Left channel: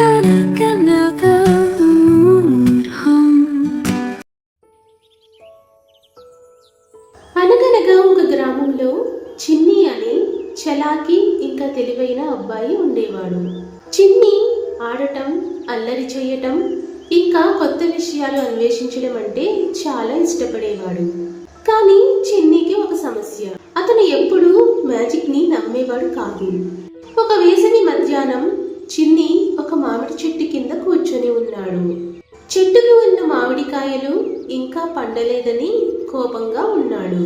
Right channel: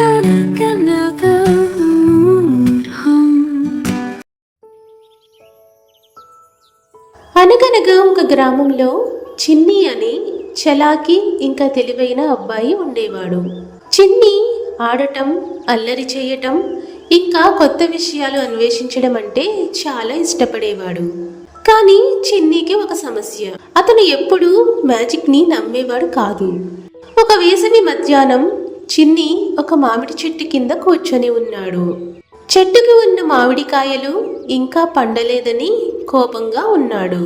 అనగనగా ఒక గ్రామంలో చిన్ని అని చలాకి ఇంకా తెలివైన అబ్బాయి ఉండేవాడు. చిన్ని ఆడటం అల్లరి చేయటం ఇంకా కొత్త విషయాలు అన్వేషించడం అంటే చాలా ఇష్టపడేవాడు. కానీ చిన్నీకి ఒక సమస్య. అతను ఎప్పుడూ మ్యాజిక్ని నమ్మేవాడు కాదు. ఒక వేసవి మధ్యాహ్నం చిన్ని ఒక మామిడి చెట్టు కింద కూర్చొని ఉన్నాడు. చెట్టుకి ఉన్న మామిడికాయలు ఇంకా పండలేదని కోపంగా ఉన్నాడు.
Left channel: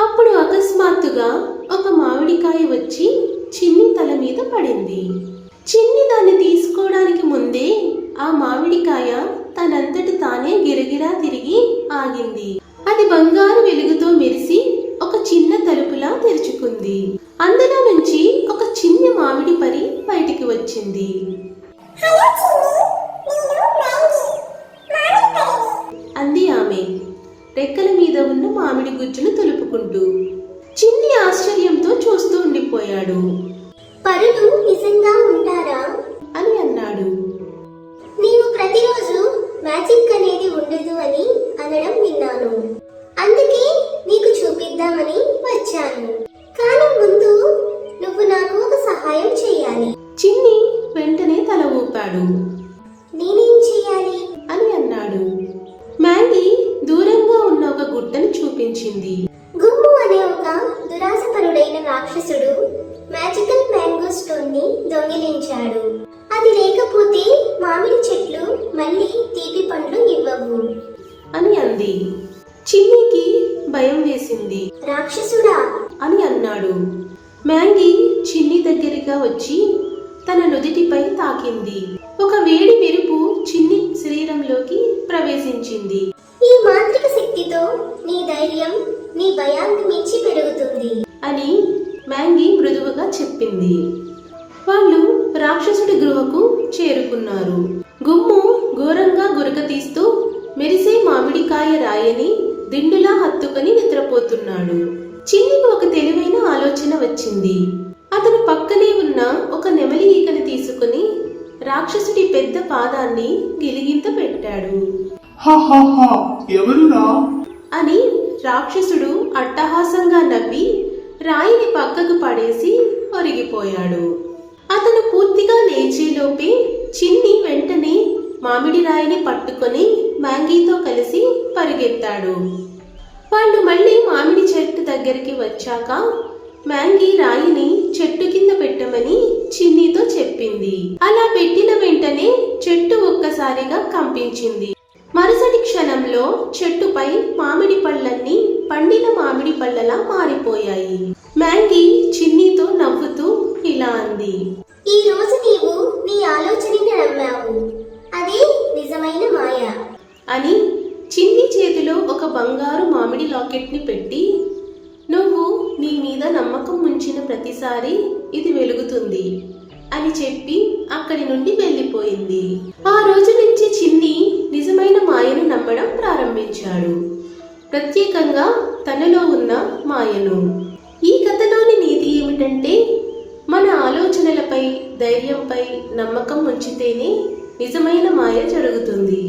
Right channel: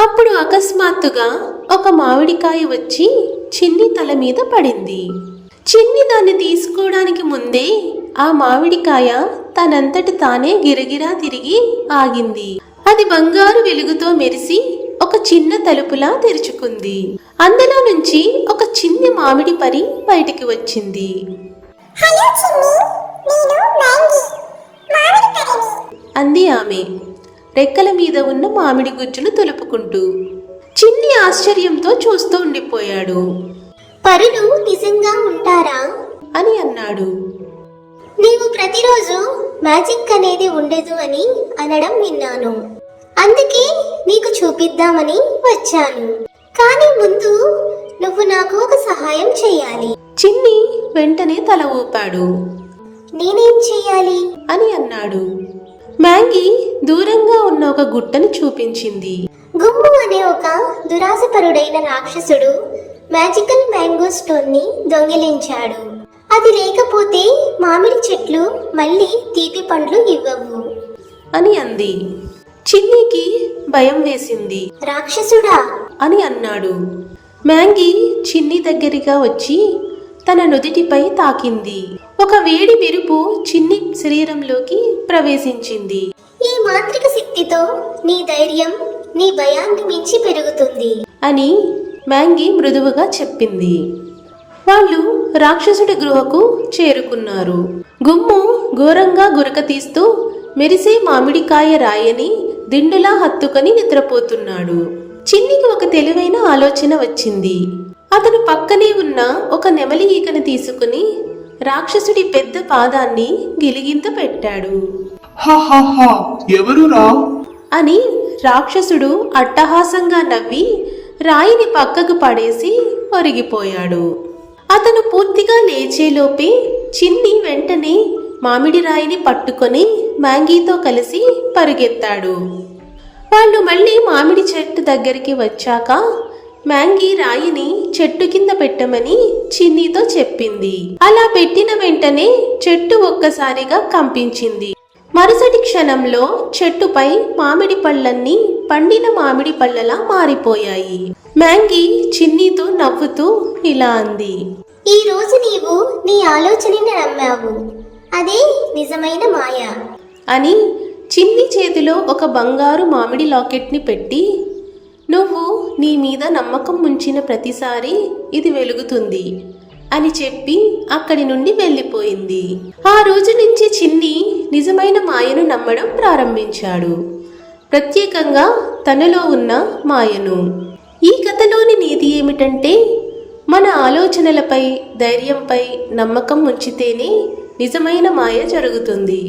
అప్పుడు అకస్మాత్తుగా ఒక మామిడికాయ వచ్చి చిన్ని తల మీద పడింది. చిన్ని దాన్ని తీసుకోవడానికి ముందే ఆ మామిడికాయ తనంతటి తానే గిరగిరా తిరిగి ఆగింది. అది బంగారు వెలుగుతో మెరిసి చిన్న తలుపులా తెరుచుకుంది. అందులో నుంచి ఒక చిన్ని మామిడి పరి బయటికి వచ్చింది. అంది ఆమె. రెక్కల మీద ఉన్న మామిడి గుజ్జులు తొలుపుకుంటూ. చిన్ని ఆశ్చర్యంతో చూస్తూ ఉండిపోయాడు. పరులు నిజంగా ఉంటారా? అని అన్నాడు. నీవు ప్రతిరోజు మ్యాజిక్ అనేది ఉండదు అని అనడం విన్నాను. అందుకే నీకు చూపిద్దామని వచ్చాను. కానీ ముందు నువ్వు నాకు ఒక సహాయం చేయాలి చిన్ని వెంటనే తల ఊపాడు. నేనేం చేయాలి అని అన్నాడు. మ్యాంగీ దూరంగా ఉన్న ఒక గుట్టను చూపించింది. గుమ్ము అనే ఒక దురాశపరుడైన రాక్షసుడు మ్యాజికల్ మ్యాంగో స్టోన్ని దొంగిలించాడు. అది లేకపోతే మామిడి చెట్లు మళ్ళీ తీపి పండ్లు ఇవ్వవు. అని అంది. చిన్నికి భయం వేసింది. రాక్షసుడా! అని అన్నాడు. మ్యాంగీ చిన్ని దగ్గరగా వచ్చి తన నుదిటిపై తాకింది. ఒక వేడి మెరుపు చిన్ని శరీరంలోకి ప్రవేశించింది. ఈ మాంత్రిక శక్తితో నీ ధైర్యం నీ భయాన్ని మించి పెరుగుతుంది. అని మ్యాంగీ మృదువుగా చెప్పింది. వాళ్ళు రాక్షసుడి గృహకు చేరుకున్నారు. గుమ్ము ఘోరంగా గురక తీస్తూ మెరిసే మామిడికాయ రాయని దిండులా హత్తుకొని నిద్రపోతున్నాడు. చిన్నికి ఒక తెలివైన ఆలోచన వచ్చింది. అతను పక్కనే ఉన్న ఒక నెమలి ఈకను తీసుకుని రాక్షసుడి పెద్ద పాదాన్ని గిలిగింత పెట్టాడు. ఎవరురా అని రాక్షసుడు అట్టహాసంగా నవ్వి రాయిని పక్కకు పడేసి ఒరిగిపోయాడు. అతను పూర్తిగా లేచేలోపే చిన్ని వెంటనే మామిడి రాయిని పట్టుకొని మ్యాంగీతో కలిసి పరుగెత్తాడు. వాళ్ళు మళ్ళీ మామిడి చెట్టు దగ్గరికి వచ్చాక మ్యాంగీ రాయిని చెట్టు కింద పెట్టమని చిన్నీతో చెప్పింది. అలా పెట్టిన వెంటనే చెట్టు ఒక్కసారిగా కంపించింది. మరుసటి క్షణంలో చెట్టుపై మామిడి పళ్ళన్నీ పండిన మామిడి పళ్ళలా మారిపోయాయి. మ్యాంగీ చిన్నీతో నవ్వుతూ ఇలా అంది. ఈ రోజు నీవు నీ ఆలోచనని నమ్మావు. అదే నిజమైన మాయ. అని చిన్ని చేతిలో ఒక బంగారు మామిడి లాకెట్ని పెట్టి నువ్వు నీ మీద నమ్మకం ఉంచిన ప్రతిసారి ఇది వెలుగుతుంది అని చెప్పి అక్కడి నుండి వెళ్ళిపోయింది. ఆ రోజు నుంచి చిన్ని నిజమైన మాయను నమ్మడం ప్రారంభించాడు. ప్రత్యేకంగా తనలో ఉన్న మాయను. ఈ కథలోని నీతి ఏమిటంటే మన ఆలోచనలపై ధైర్యంపై నమ్మకం ఉంచితేనే నిజమైన మాయ జరుగుతుంది.